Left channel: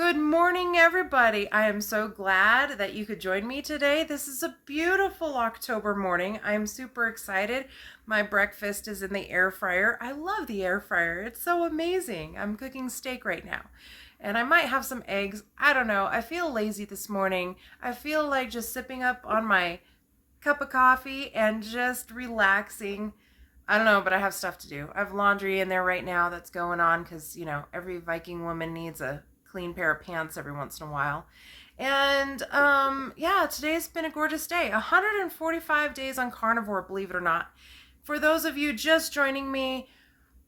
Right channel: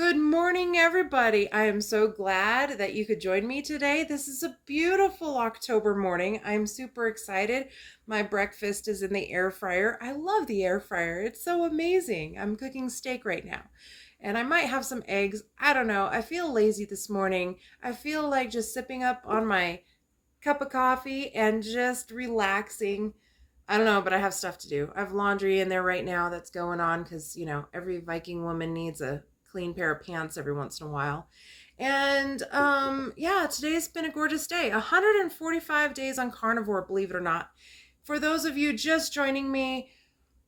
Good morning, everybody. I am so glad that you could join me today. This is a beautiful October morning. I'm super excited. My breakfast is in the air fryer. I love the air fryer. It's so amazing. I'm cooking steak right now, and I might have some eggs. I don't know. I feel lazy this morning. I feel like just sipping up on my cup of coffee and just relaxing. I don't know, but I have stuff to do. I have laundry in there right now that's going on because, every Viking woman needs a clean pair of pants every once in a while. And yeah, today's been a gorgeous day. 145 days on carnivore, believe it or not. For those of you just joining me,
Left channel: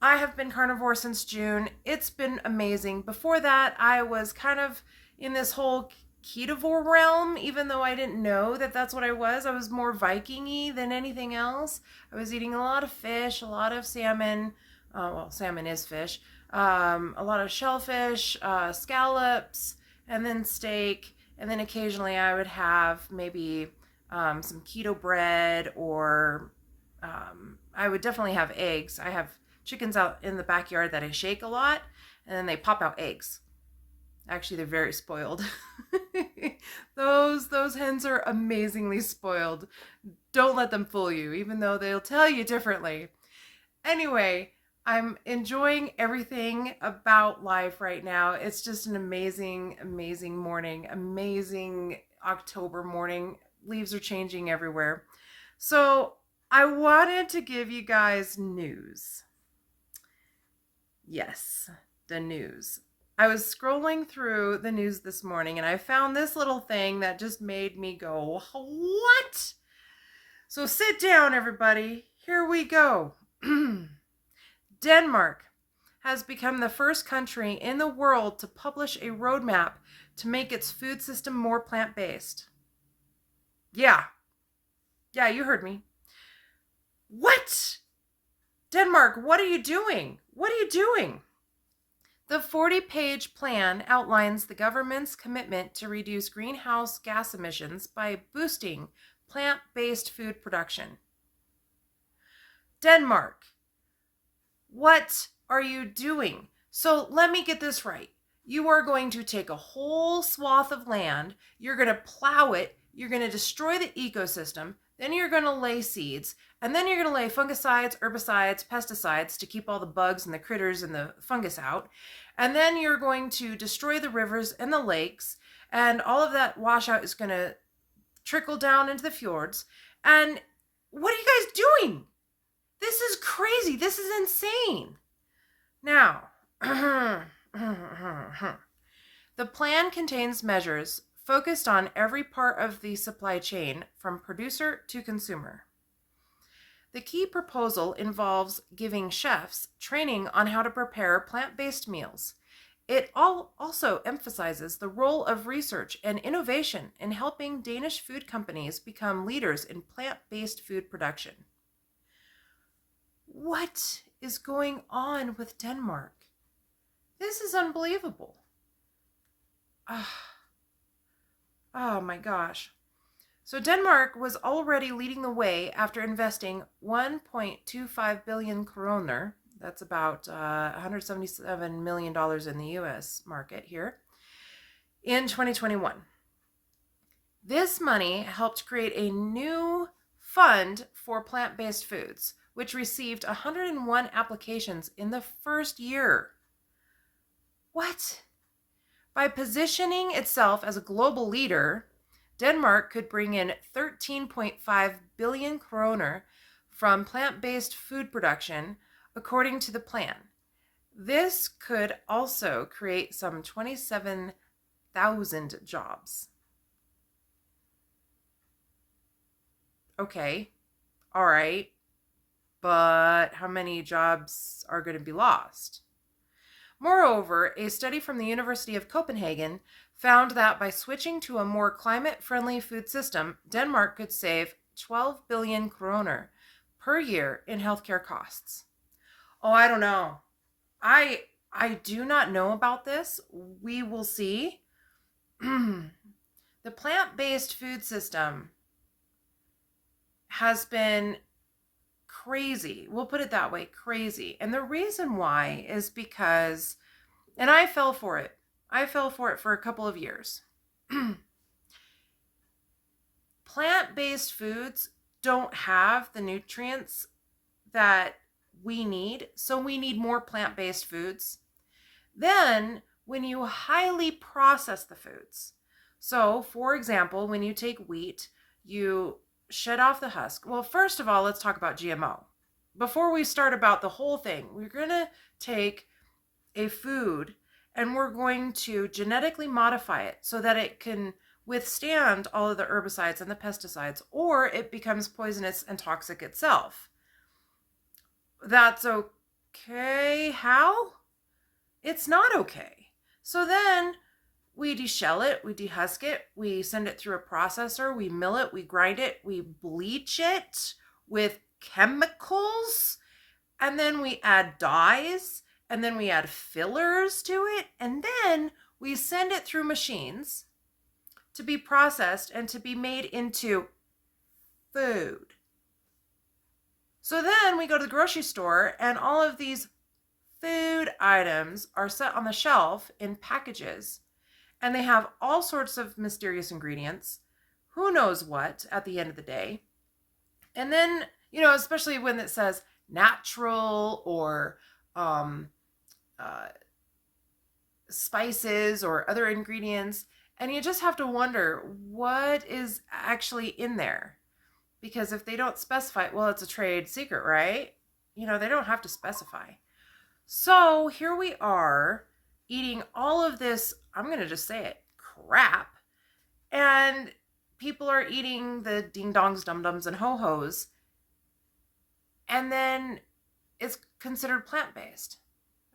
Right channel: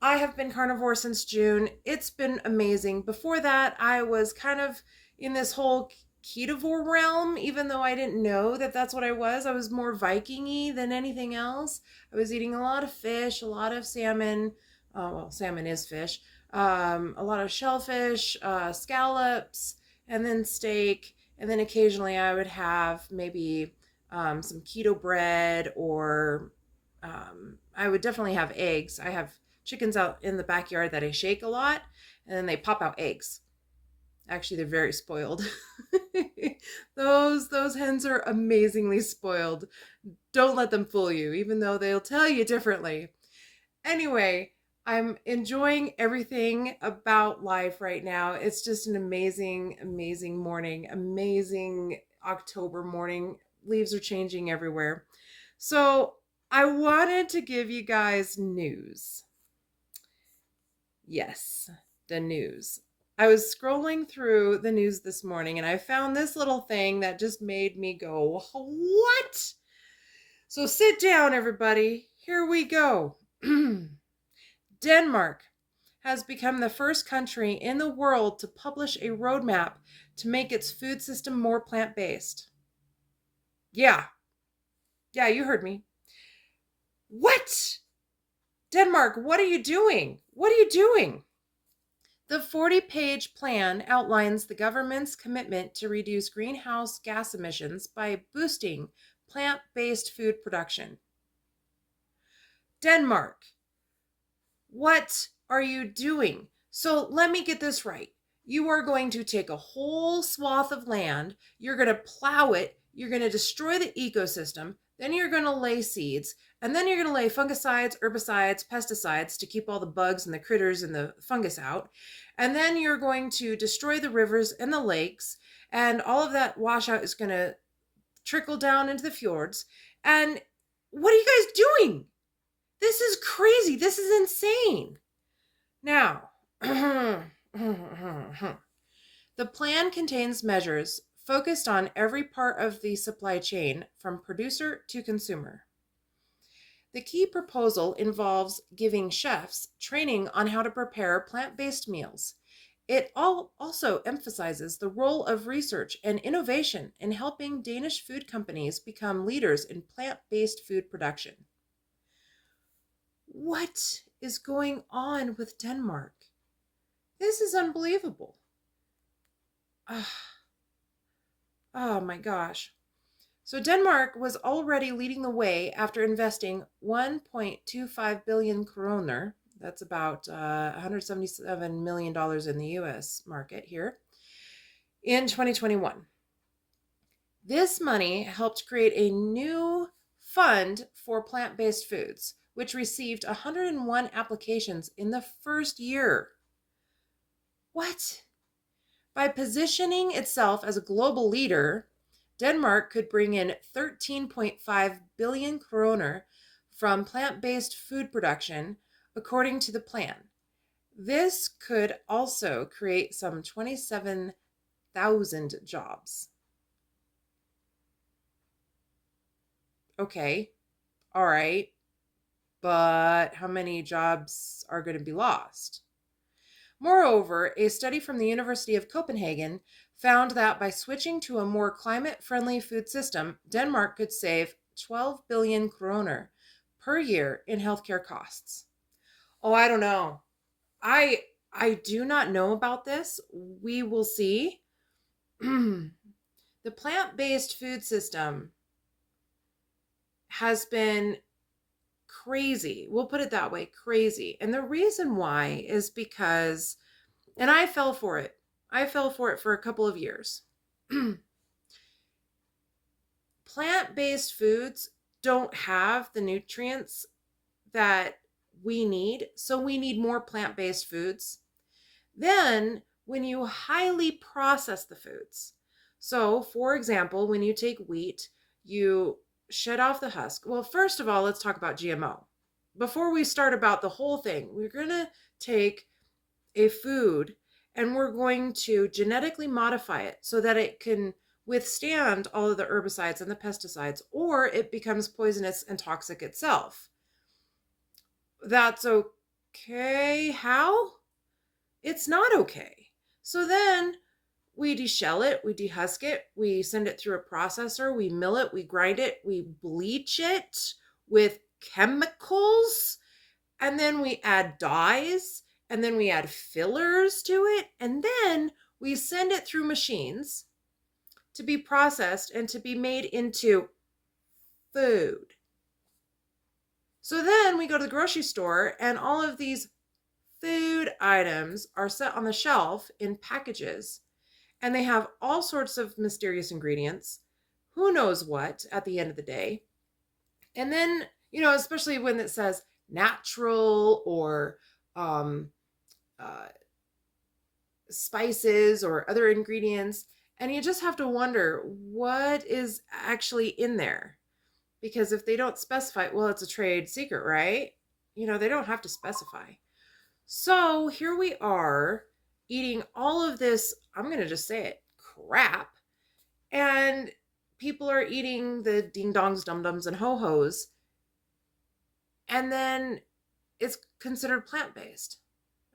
I have been carnivore since June. It's been amazing. Before that, I was kind of in this whole ketovore realm, even though I didn't know that that's what I was. I was more Viking-y than anything else. I was eating a lot of fish, a lot of salmon. Well, salmon is fish. A lot of shellfish, scallops, and then steak. And then occasionally I would have maybe some keto bread, or I would definitely have eggs. I have chickens out in the backyard that I shake a lot, and then they pop out eggs. Actually, they're very spoiled. those hens are amazingly spoiled. Don't let them fool you, even though they'll tell you differently. Anyway, I'm enjoying everything about life right now. It's just an amazing, amazing morning. Amazing October morning. Leaves are changing everywhere. So I wanted to give you guys news. Yes, the news. I was scrolling through the news this morning and I found this little thing that just made me go, what? So sit down, everybody. Here we go. Denmark has become the first country in the world to publish a roadmap to make its food system more plant-based. Yeah, you heard me. What? Denmark, what are you doing? What are you doing? The 40-page plan outlines the government's commitment to reduce greenhouse gas emissions by boosting plant-based food production. Denmark, what are you doing? So let me get this right. You are going to take a whole swath of land, you're going to plow it, you're going to destroy the ecosystem, then you're going to lay seeds, and then you're going to lay fungicides, herbicides, pesticides to keep all the bugs and the critters and the fungus out. And then you're going to destroy the rivers and the lakes, and all of that washout is going to trickle down into the fjords. And what are you guys doing? This is crazy. This is insane. Now, the plan contains measures focused on every part of the supply chain from producer to consumer. The key proposal involves giving chefs training on how to prepare plant-based meals. It also emphasizes the role of research and innovation in helping Danish food companies become leaders in plant-based food production. What is going on with Denmark? This is unbelievable. Oh my gosh. So Denmark was already leading the way after investing 1.25 billion kroner, that's about $177 million in the US market here, in 2021. This money helped create a new fund for plant-based foods, which received 101 applications in the first year. What? By positioning itself as a global leader, Denmark could bring in 13.5 billion kroner from plant-based food production, according to the plan. This could also create some 27,000 jobs. Okay, all right, but how many jobs are going to be lost? Moreover, a study from the University of Copenhagen found that by switching to a more climate-friendly food system, Denmark could save 12 billion kroner per year in healthcare costs. Oh, I don't know. I do not know about this. We will see. The plant-based food system has been crazy. We'll put it that way, crazy. And the reason why is because, and I fell for it. I fell for it for a couple of years. Plant-based foods don't have the nutrients that we need, so we need more plant-based foods. Then, when you highly process the foods, so for example, when you take wheat, you shed off the husk. Well, first of all, let's talk about GMO. Before we start about the whole thing, we're going to take a food and we're going to genetically modify it so that it can withstand all of the herbicides and the pesticides, or it becomes poisonous and toxic itself. That's okay. How? It's not okay. So then we deshell it, we dehusk it, we send it through a processor, we mill it, we grind it, we bleach it with chemicals, and then we add dyes, and then we add fillers to it, and then we send it through machines to be processed and to be made into food. So then we go to the grocery store, and all of these food items are set on the shelf in packages, and they have all sorts of mysterious ingredients, who knows what at the end of the day. And then, especially when it says natural or spices or other ingredients, and you just have to wonder what is actually in there. Because if they don't specify, well, it's a trade secret, right? They don't have to specify. So here we are eating all of this, I'm going to just say it, crap. And people are eating the ding-dongs, dum-dums, and ho-hos. And then it's considered plant-based.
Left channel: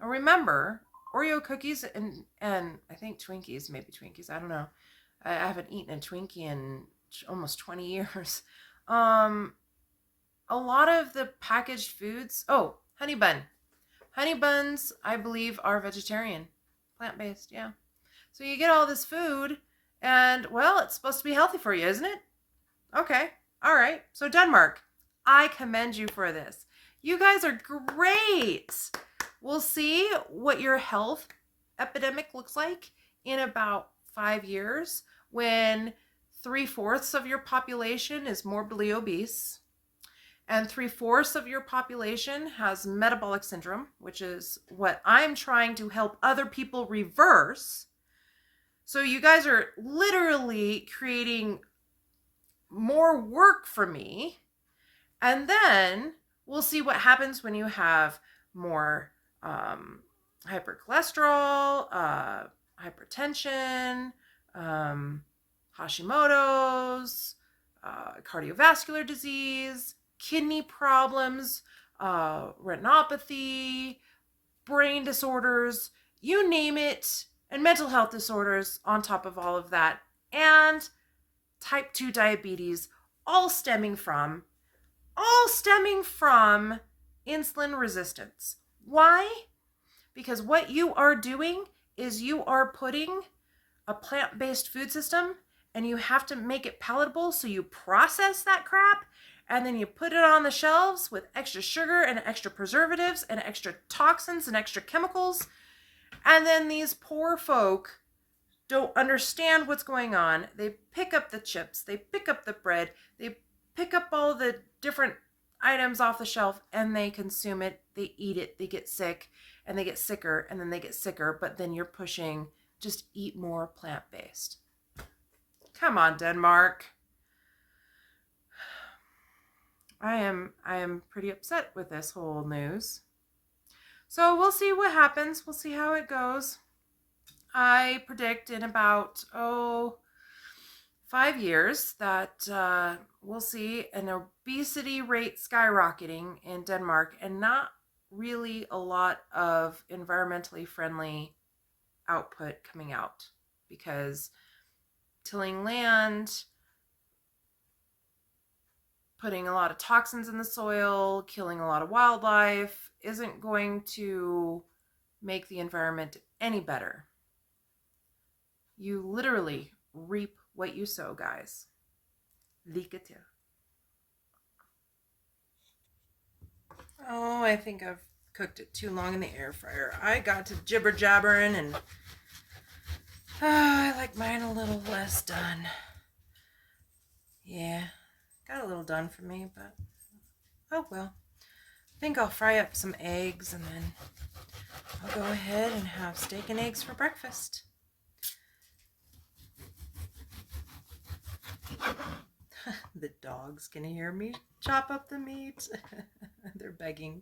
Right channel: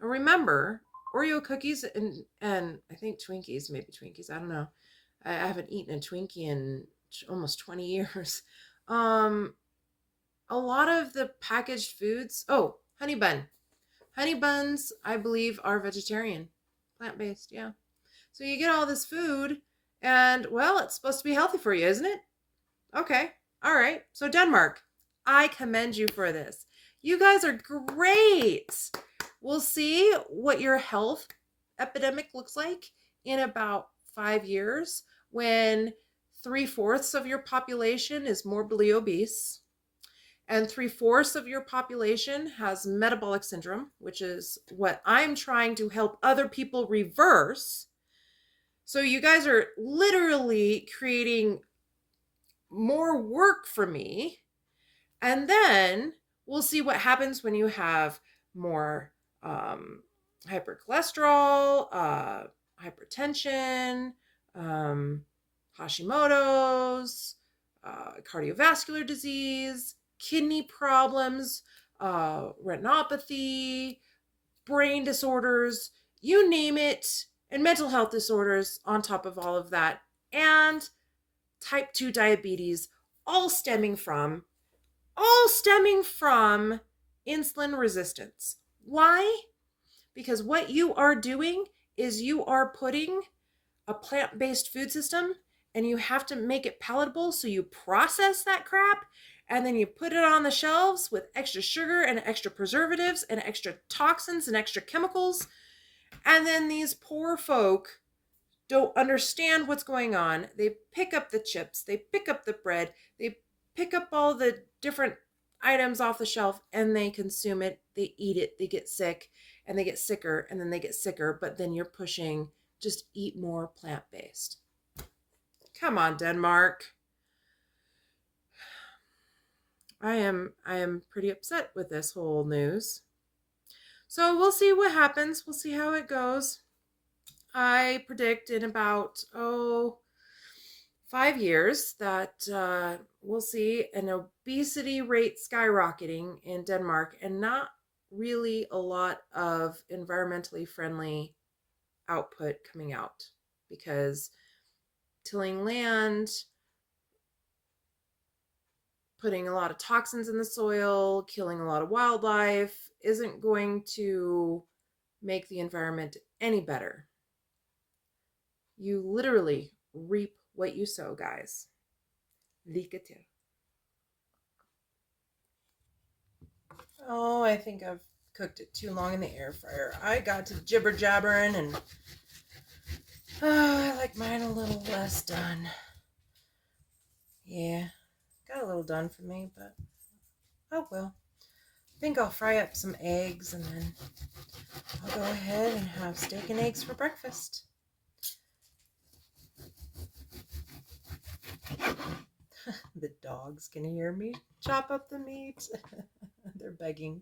Now remember, Oreo cookies and I think Twinkies, maybe Twinkies, I don't know. I haven't eaten a Twinkie in almost 20 years. A lot of the packaged foods, honey bun. Honey buns, I believe, are vegetarian, plant-based, yeah. So you get all this food, and, well, it's supposed to be healthy for you, isn't it? Okay, all right. So Denmark, I commend you for this. You guys are great. We'll see what your health epidemic looks like in about 5 years when 3/4 of your population is morbidly obese and 3/4 of your population has metabolic syndrome, which is what I'm trying to help other people reverse. So you guys are literally creating more work for me. And then we'll see what happens when you have more hypercholesterol, hypertension, Hashimoto's, cardiovascular disease, kidney problems, retinopathy, brain disorders, you name it, and mental health disorders on top of all of that, and type 2 diabetes, all stemming from insulin resistance. Why? Because what you are doing is you are putting a plant-based food system and you have to make it palatable, so you process that crap and then you put it on the shelves with extra sugar and extra preservatives and extra toxins and extra chemicals. And then these poor folk don't understand what's going on. They pick up the chips, they pick up the bread, they pick up all the different items off the shelf and they consume it, they eat it, they get sick, and they get sicker, and then they get sicker, but then you're pushing just eat more plant-based. Come on, Denmark. I am pretty upset with this whole news. So we'll see what happens. We'll see how it goes. I predict in about 5 years that we'll see an obesity rate skyrocketing in Denmark and not really a lot of environmentally friendly output coming out, because tilling land, putting a lot of toxins in the soil, killing a lot of wildlife isn't going to make the environment any better. You literally reap what you sow, guys. Lykke til. Oh, I think I've cooked it too long in the air fryer. I got to jibber jabbering and Oh, I like mine a little less done. Yeah, got a little done for me, but oh well. I think I'll fry up some eggs and then I'll go ahead and have steak and eggs for breakfast. The dogs can hear me chop up the meat. They're begging.